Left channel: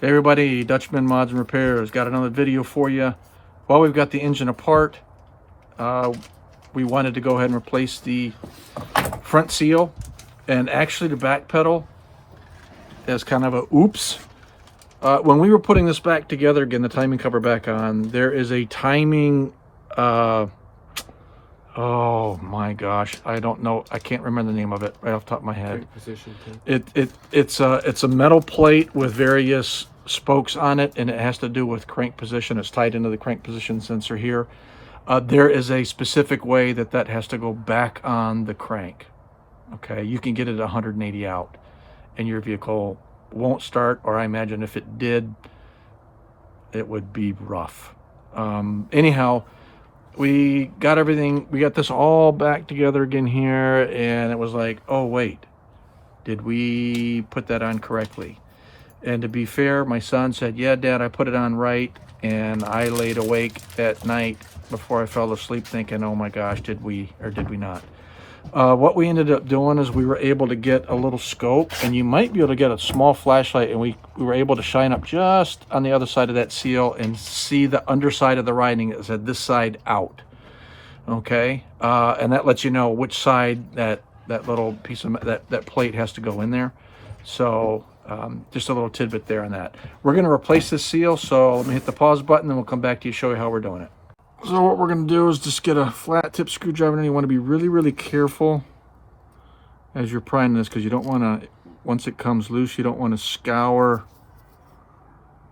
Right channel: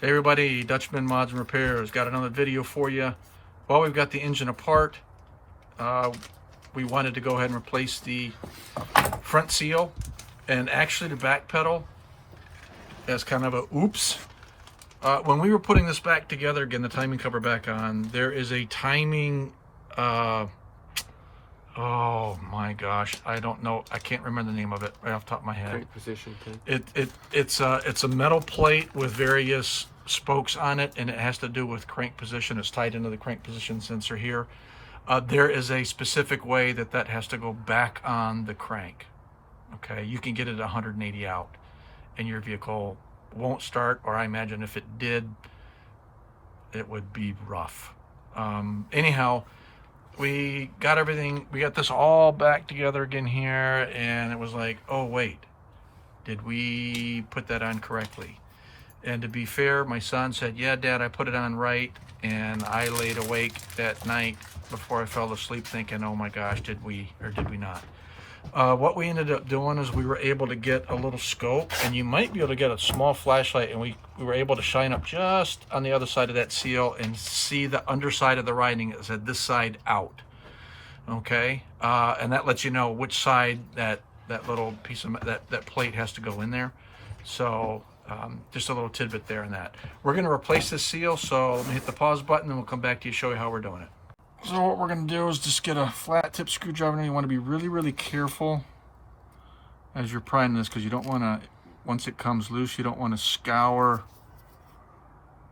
Hey everybody, Dutchman Mods and Repairs. Got another video for you. While we've got the engine apart, we wanted to go ahead and replace the front seal, and actually the back pedal is kind of a oops. When we were putting this back together, again, the timing cover back on, there is a timing, oh my gosh, I don't know, I can't remember the name of it right off the top of my head. Great position too. It's a metal plate with various spokes on it, and it has to do with crank position. It's tied into the crank position sensor here. There is a specific way that has to go back on the crank. Okay, you can get it 180 out and your vehicle won't start, or I imagine if it did, it would be rough. Anyhow, we got everything, we got this all back together again here, and it was like, oh wait, did we put that on correctly? And to be fair, my son said, yeah, Dad, I put it on right. And I laid awake at night before I fell asleep thinking, oh my gosh, did we or did we not? What we ended up doing is we were able to get a little scope, and you might be able to get a small flashlight, and we were able to shine up just on the other side of that seal and see the underside of the writing that said this side out. Okay, and that lets you know which side that little piece of that plate has to go in there. So just a little tidbit there on that. We're going to replace this seal, so let me hit the pause button and we'll come back to you, show you how we're doing it. So what we're going to do is just get a flat tip screwdriver, and you want to be really careful as you're prying this, because you don't want to, once it comes loose, you don't want to scour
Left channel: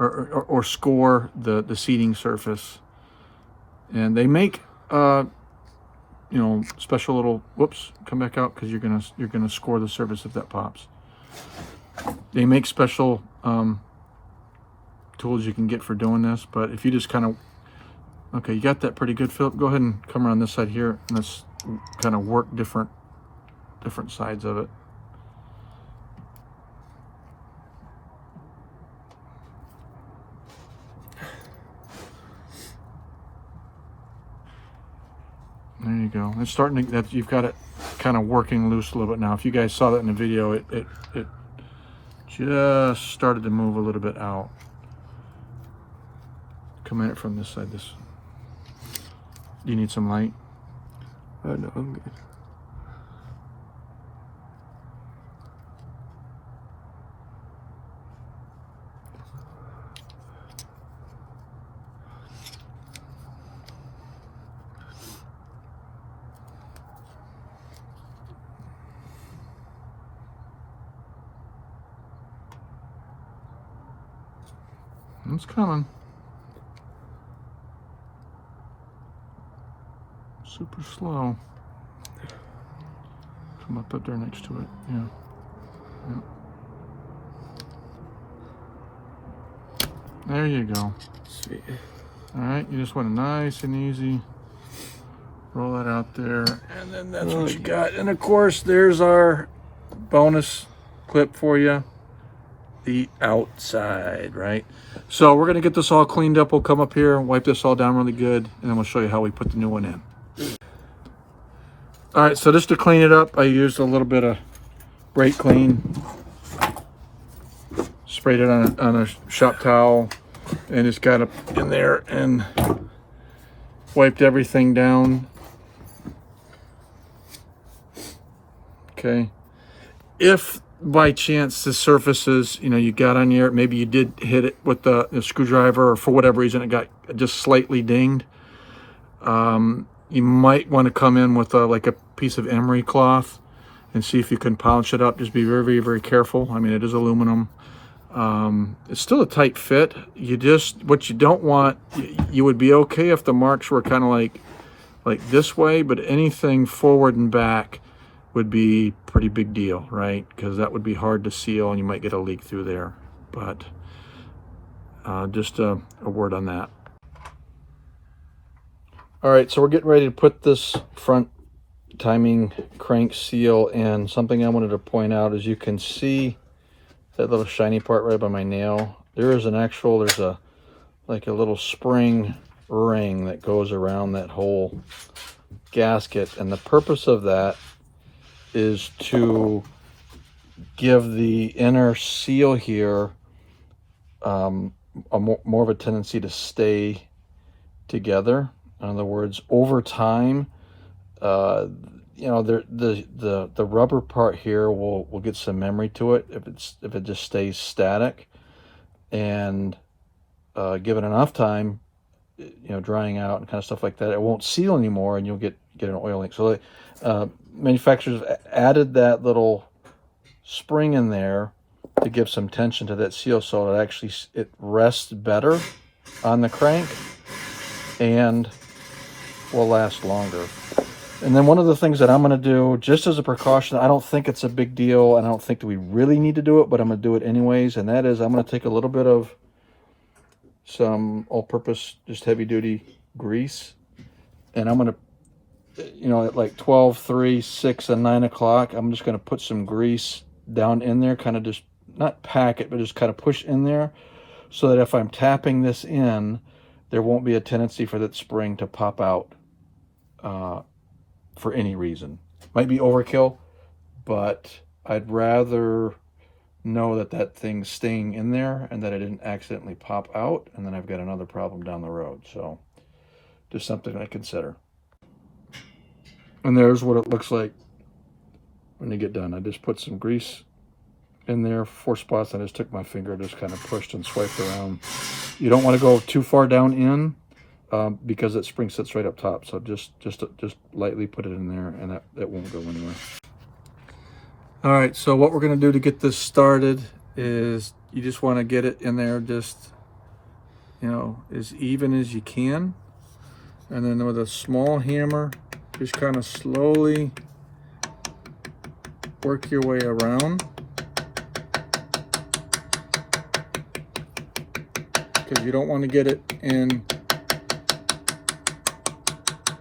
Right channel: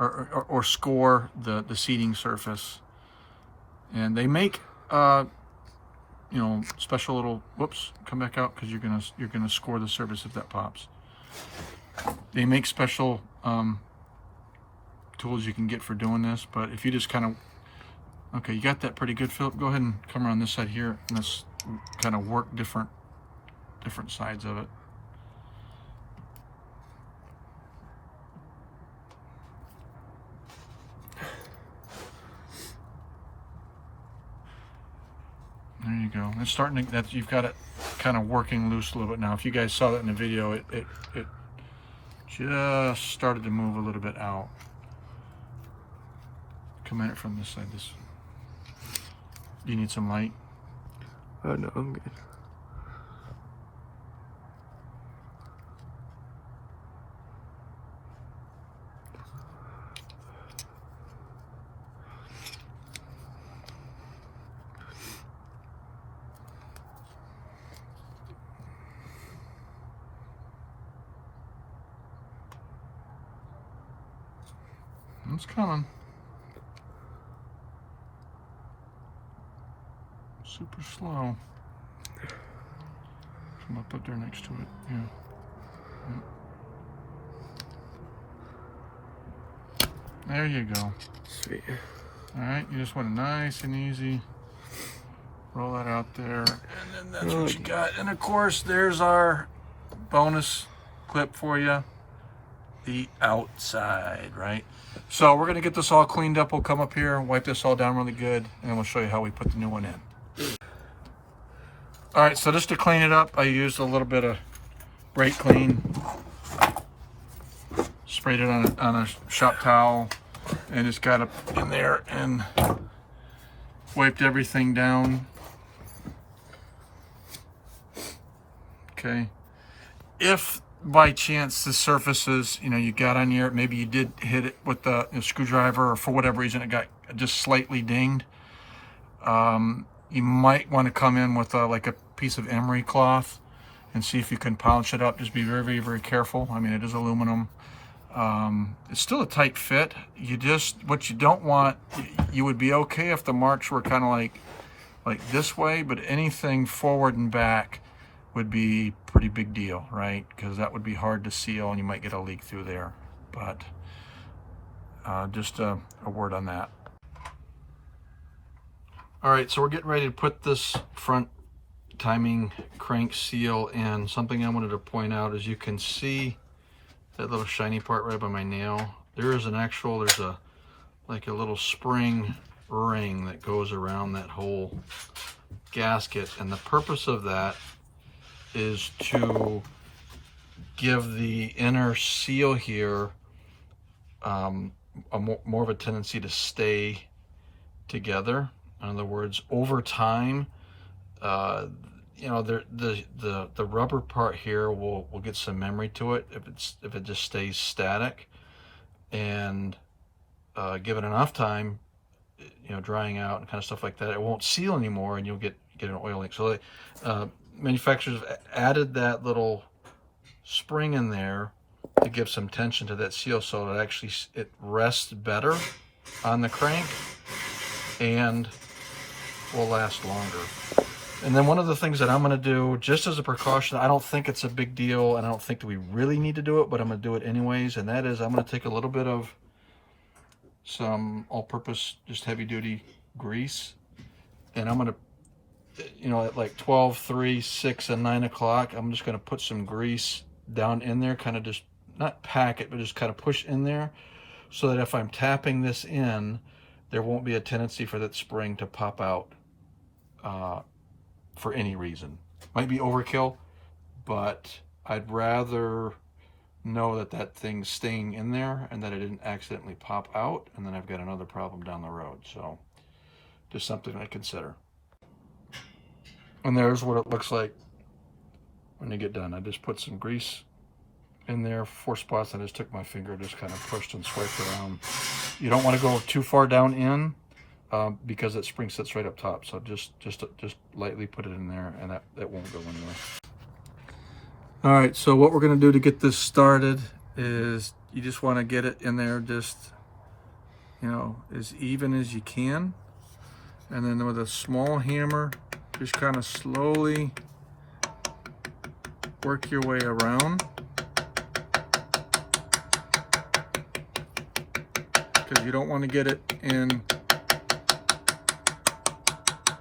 or score the seating surface. And they make you know, special little, whoops, come back out, because you're gonna score the surface if that pops. They make special tools you can get for doing this, but if you just kind of, okay, you got that pretty good, Philip, go ahead and come around this side here, and let's kind of work different sides of it. There you go. It's starting to, that you've got it kind of working loose a little bit now. If you guys saw that in the video, it just started to move a little bit out. Come at it from this side. This. Do you need some light? Oh no, I'm good. It's coming. Super slow. Come up there next to it. Yeah. There you go. Sweet. All right, you just want it nice and easy. Roll that out there, and then that's what you got. And of course, there's our bonus clip for you. The outside, right? So we're gonna get this all cleaned up. We'll come up here and wipe this all down really good, and then we'll show you how we put the new one in. All right, so just to clean it up, I used a little bit of brake clean, sprayed it on a shop towel, and just got it in there and wiped everything down. Okay, if by chance the surfaces, you know, you got on here, maybe you did hit it with the screwdriver, or for whatever reason it got just slightly dinged, you might want to come in with like a piece of emery cloth and see if you can polish it up. Just be very careful. I mean, it is aluminum. It's still a tight fit. You just, what you don't want, you would be okay if the marks were kind of like this way, but anything forward and back would be pretty big deal, right? Because that would be hard to seal, and you might get a leak through there. But just a word on that. All right, so we're getting ready to put this front timing crank seal in. Something I wanted to point out is you can see that little shiny part right by my nail. There is there's a like a little spring ring that goes around that whole gasket, and the purpose of that is to give the inner seal here more of a tendency to stay together. In other words, over time, you know, the rubber part here will get some memory to it if it just stays static, and given enough time, you know, drying out and kind of stuff like that, it won't seal anymore, and you'll get an oil leak. So manufacturers added that little spring in there to give some tension to that seal, so it rests better on the crank and will last longer. And then one of the things that I'm going to do, just as a precaution, I don't think it's a big deal, and I don't think that we really need to do it, but I'm going to do it anyways, and that is I'm going to take a little bit of some all-purpose, just heavy-duty grease, and I'm going to, you know, at like 12, 3, 6, and 9 o'clock, I'm just going to put some grease down in there, kind of just, not pack it, but just kind of push in there, so that if I'm tapping this in, there won't be a tendency for that spring to pop out for any reason. Might be overkill, but I'd rather know that that thing's staying in there and that I didn't accidentally pop out, and then I've got another problem down the road. So just something I consider. And there's what it looks like when you get done. I just put some grease in there, 4 spots, and I just took my finger, just kind of pushed and swiped around. You don't want to go too far down in because that spring sits right up top. So just lightly put it in there, and that won't go anywhere. All right, so what we're going to do to get this started is you just want to get it in there just, you know, as even as you can. And then with a small hammer, just kind of slowly work your way around. Because you don't want to get it in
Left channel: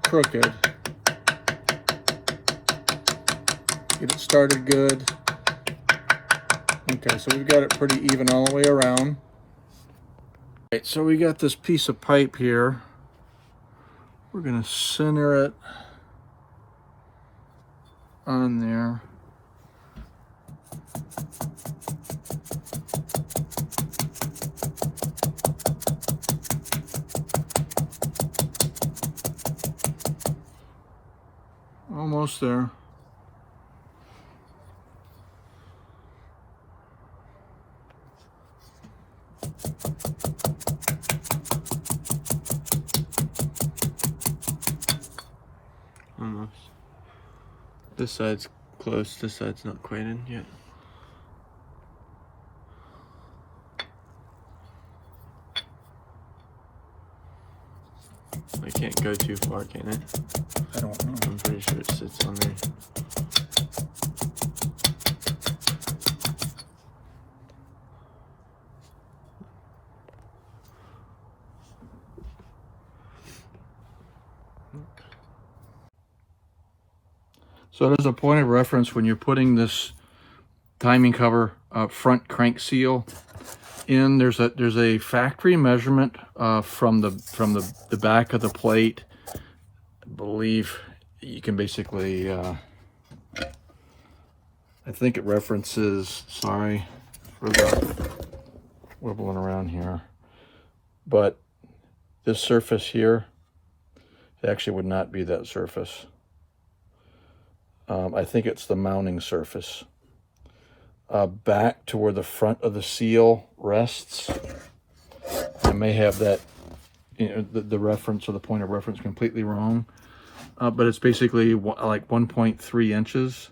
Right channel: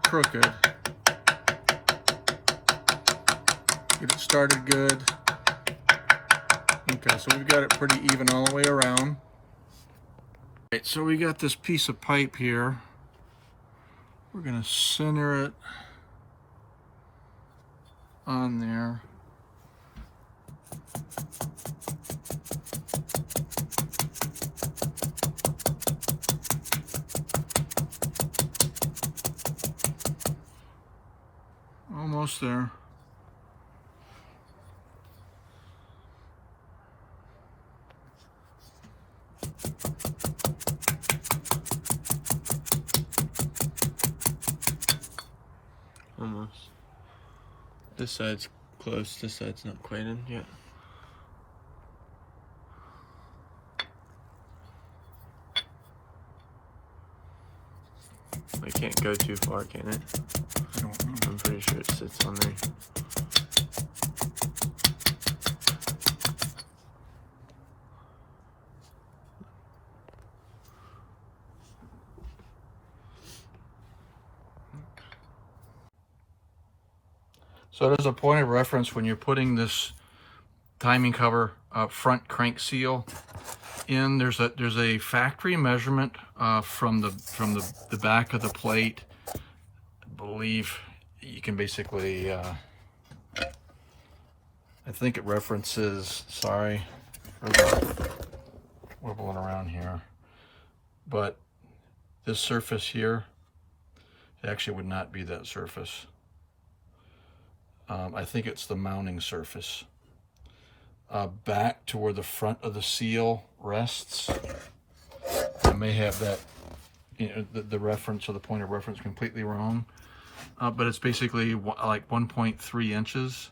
crooked. Get it started good. Okay, so we've got it pretty even all the way around. Right, so we got this piece of pipe here. We're going to center it on there. Almost there. Almost. This side's close, this side's not quite in yet. I can't go too far, can it? I don't know. I'm pretty sure it sits on there. So there's a point of reference when you're putting this timing cover front crank seal in. There's a factory measurement from the back of the plate. I believe you can basically I think it references, sorry for the wibbling around here, but this surface here, it actually would not be that surface. I think it's the mounting surface. Back to where the front of the seal rests. I may have that, you know, the reference or the point of reference completely wrong, but it's basically like 1.3 inches.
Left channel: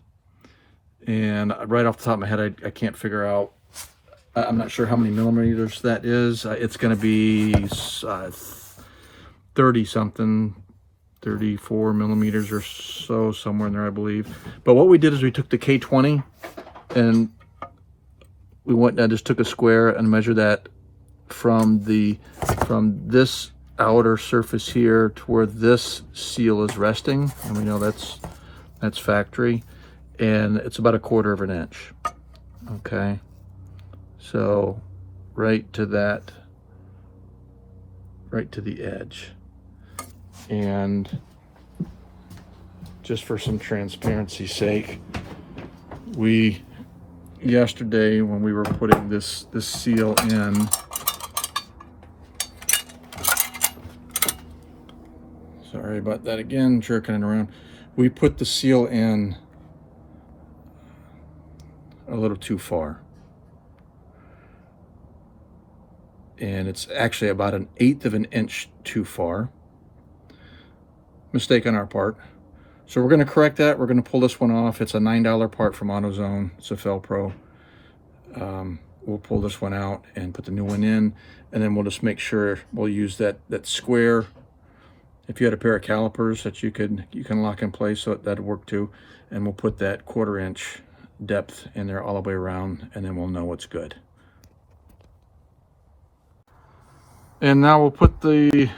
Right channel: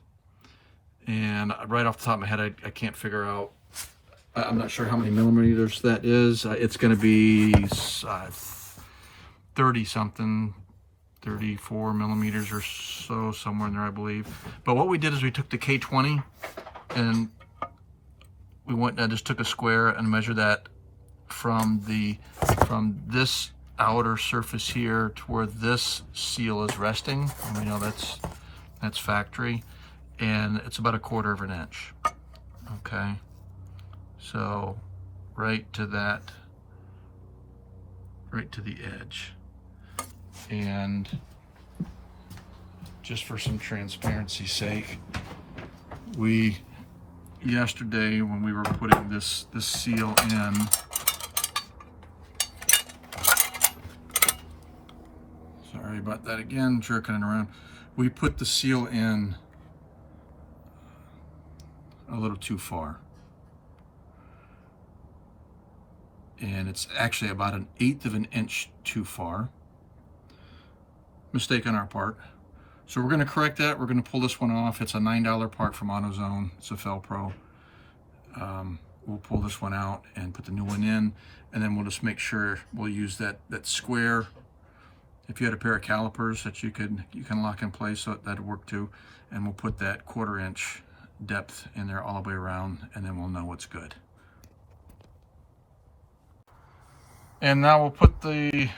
And right off the top of my head, I can't figure out, I'm not sure how many millimeters that is. It's going to be 30 something. 34 millimeters or so, somewhere in there, I believe. But what we did is we took the K20 and we went and just took a square and measured that from this outer surface here to where this seal is resting. And you know that's factory, and it's about 1/4 of an inch. Okay, so right to that, right to the edge. And just for some transparency's sake, yesterday when we were putting this seal in, Sorry about that again, jerking it around. We put the seal in a little too far. And it's actually about 1/8 of an inch too far. Mistake on our part. So we're going to correct that. We're going to pull this one off. It's a $9 part from AutoZone. It's a Felpro. We'll pull this one out and put the new one in, and then we'll just make sure we'll use that square. If you had a pair of calipers that you can lock in place, so that'd work too. And we'll put that 1/4 inch depth in there all the way around, and then we'll know it's good. And now we'll put the,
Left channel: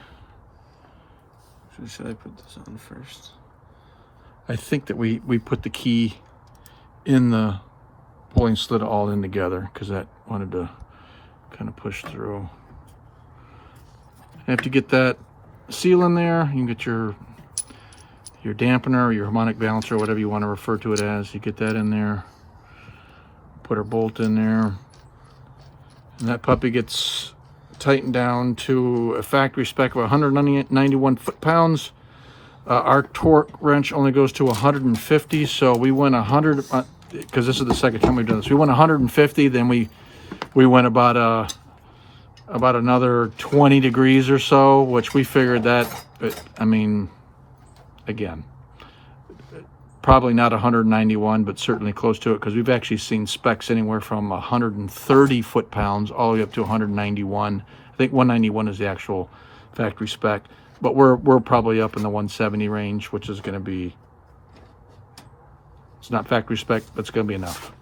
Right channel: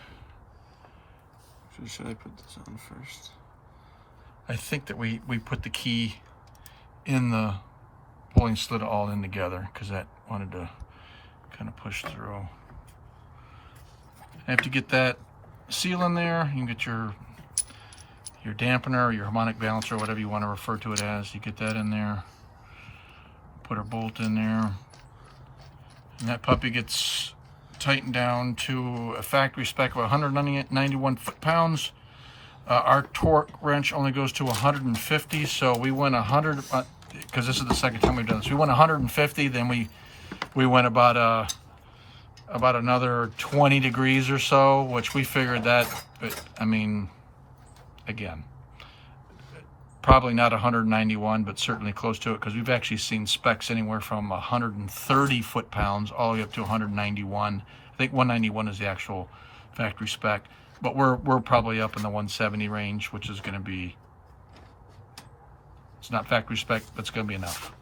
Should I put this on first? I think that we put the key in the pulling slit all in together, because that wanted to kind of push through. You have to get that seal in there. You can get your dampener, your harmonic balancer, whatever you want to refer to it as. You get that in there. Put our bolt in there. And that puppy gets tightened down to a factory spec of 191 foot-pounds. Our torque wrench only goes to 150, so we went 100, because this is the second time we've done this. We went 150, then we went about another 20 degrees or so, which we figured that, I mean, again, probably not 191, but certainly close to it, because we've actually seen specs anywhere from 130 foot-pounds all the way up to 191. I think 191 is the actual factory spec, but we're probably up in the 170 range, which is going to be, it's not factory spec, but it's going to be enough.